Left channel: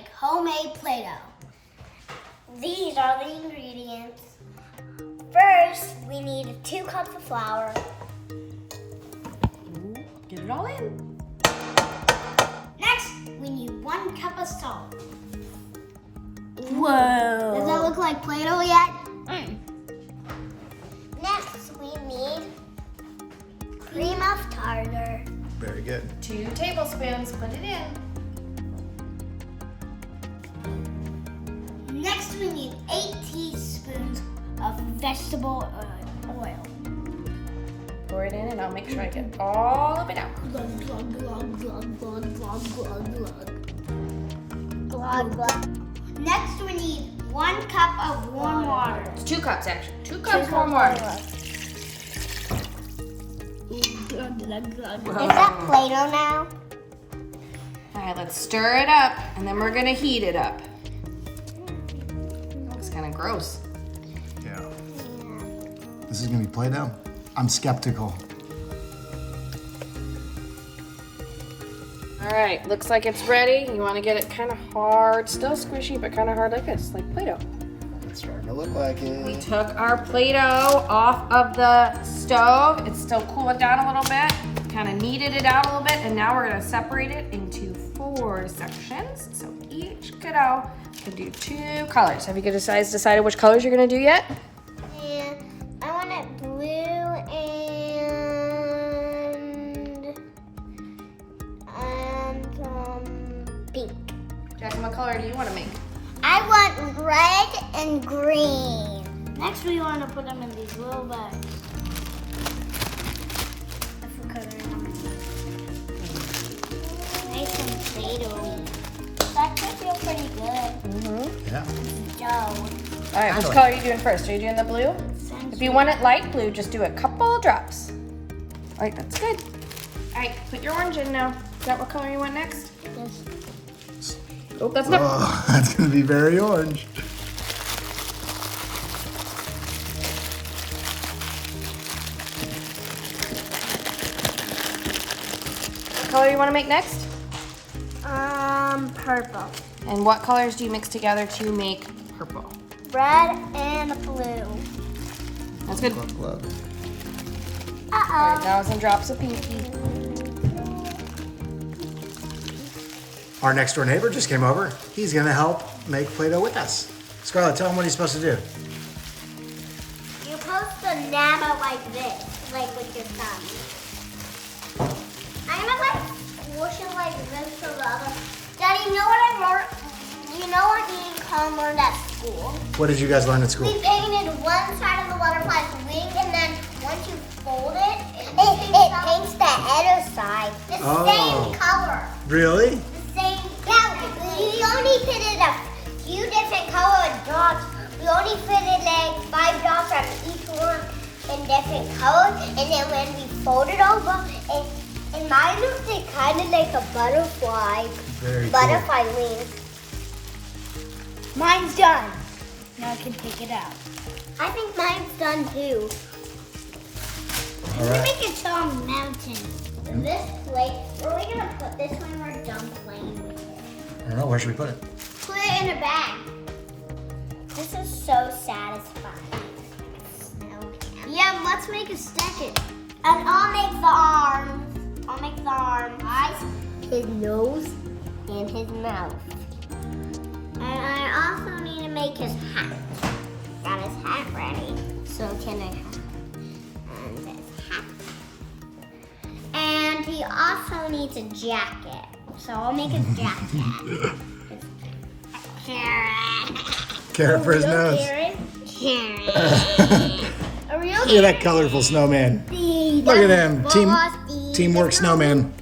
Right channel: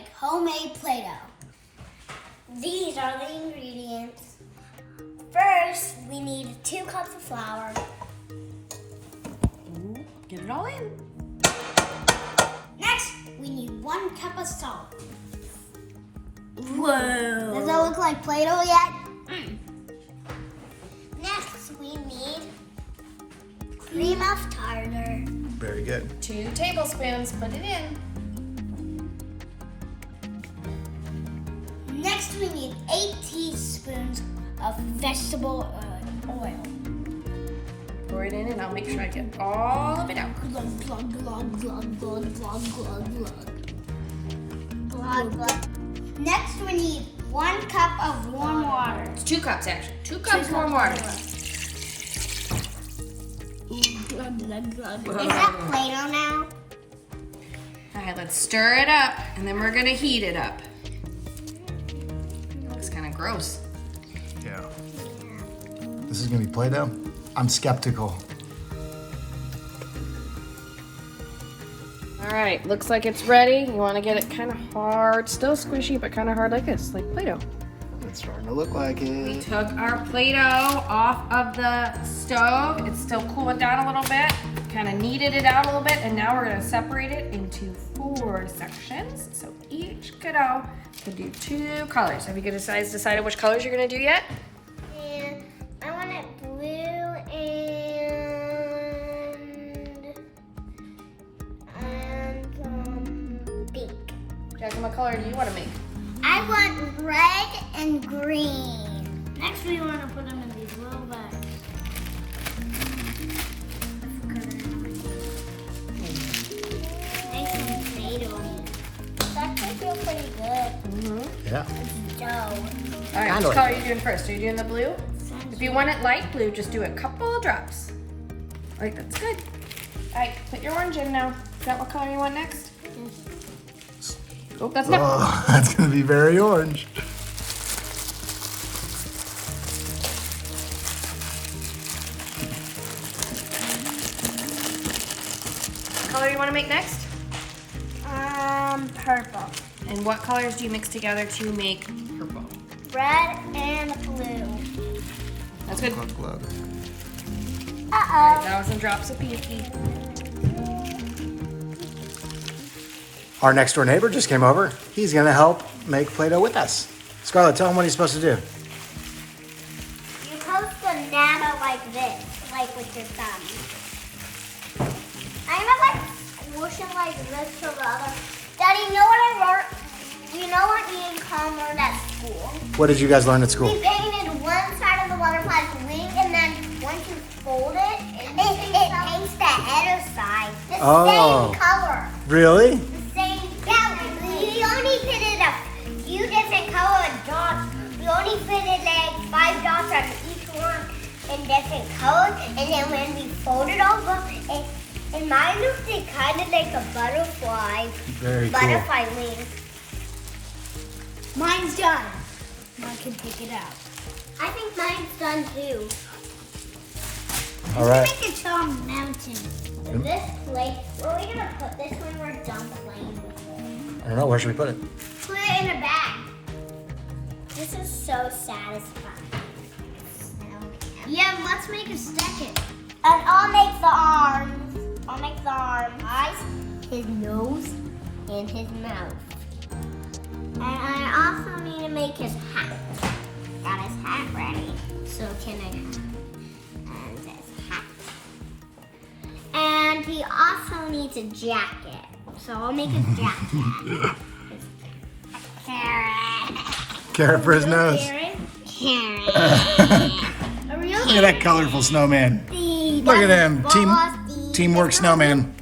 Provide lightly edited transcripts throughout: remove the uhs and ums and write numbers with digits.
make homemade Play-Doh. These are the ingredients. First, we need 2 cups of flour. Get it all in. Next, we need 1 cup of salt. Whoa. Does that look like Play-Doh yet? Next, we need cream of tartar. Very good. 2 tablespoons, put it in. Next, we need 8 teaspoons of vegetable oil. Pour it in and I'll make sure I get all of it out. Glug, glug, glug, glug, glug, glug, glug, glug. Glug, glug. Next, we need 1 cup of warm water. It's 2 cups actually. 2 cups warm water. Glug, glug, glug. Is that Play-Doh now? All right, let's stir it up and then we're gonna heat it up. Looks kind of gross. Yeah. This is gonna be Play-Doh? I'm skeptical. All right, looks like it's ready. You want to get it kind of hard, still squishy, but kind of hard like this, like Play-Doh. It's starting to look like We it. took our Play-Doh off of the stove. It's still cooling down a little bit. Kind of kneaded it out a little bit, and now we're gonna separate it into 4 sections. So each kiddo can do 2 colors. Have you guys decided which colors you're gonna do yet? Yeah, I want it blue and pink. Jackson, what color do you want to make? I want red and green. Next, we want to put them in these little bags. Nice and potatoey. That could feel pretty good. Yeah. Dough. All right, Kinda which like color are you doing first? Are you doing the blue? If you want it light blue, just do a couple drops. All right, that's good. All right, put your orange in now. Is that what color you want next? Yes. Oh, that's not. Oh, that's gonna be very orange. What color you want to make next? Purple. And what colors do you mix together to make purple? Red and blue. That's good. Glug, glug. Uh-oh. 1,000 drops of pinky. Our next door neighbor just came over. He's gonna help make Play-Doh with us. Scarlett, tell him what he's supposed to do. You're supposed to nab it like this, like with your thumb. I'm gonna like swoosh it like this to the other. Daddy, you know what I learned? You know what me and Colin learned at school? What did you guys learn at school? We painted one side of the butterfly's wing, and then once you fold it, it paints the other side. The Oh. same color. Really? The same. Yeah, we only fitted a few different colored dots. We only fitted like 5 dots on each one in different colors, and then when we folded over, and mine looked kind of like a butterfly. Very cool. Butterfly wings. Mine's done. Now I can take it out. I think mine's done too. All right. Make it to a mountain. And this plate, where are we gonna put this when we're done playing with it? I don't know. Where should we put it? Put it in a bag. This is so satisfying. Yeah, let's make a second. And I'll make the arms. I'll make the eyes, his nose, and his mouth. And I also need to make his hat. Got his hat ready. So can I have and his hat. And he also needs a jacket. So I'll make a jacket. Carrot for his nose. Carrot. A real Look at that colorful snowman. Look at him. Teamwork snowman.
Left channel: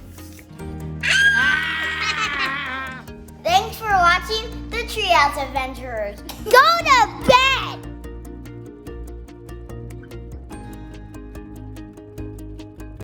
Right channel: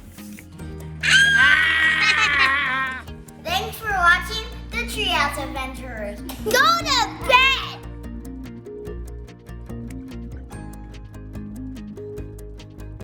Thanks for watching the Treehouse Adventurers. Go to bed!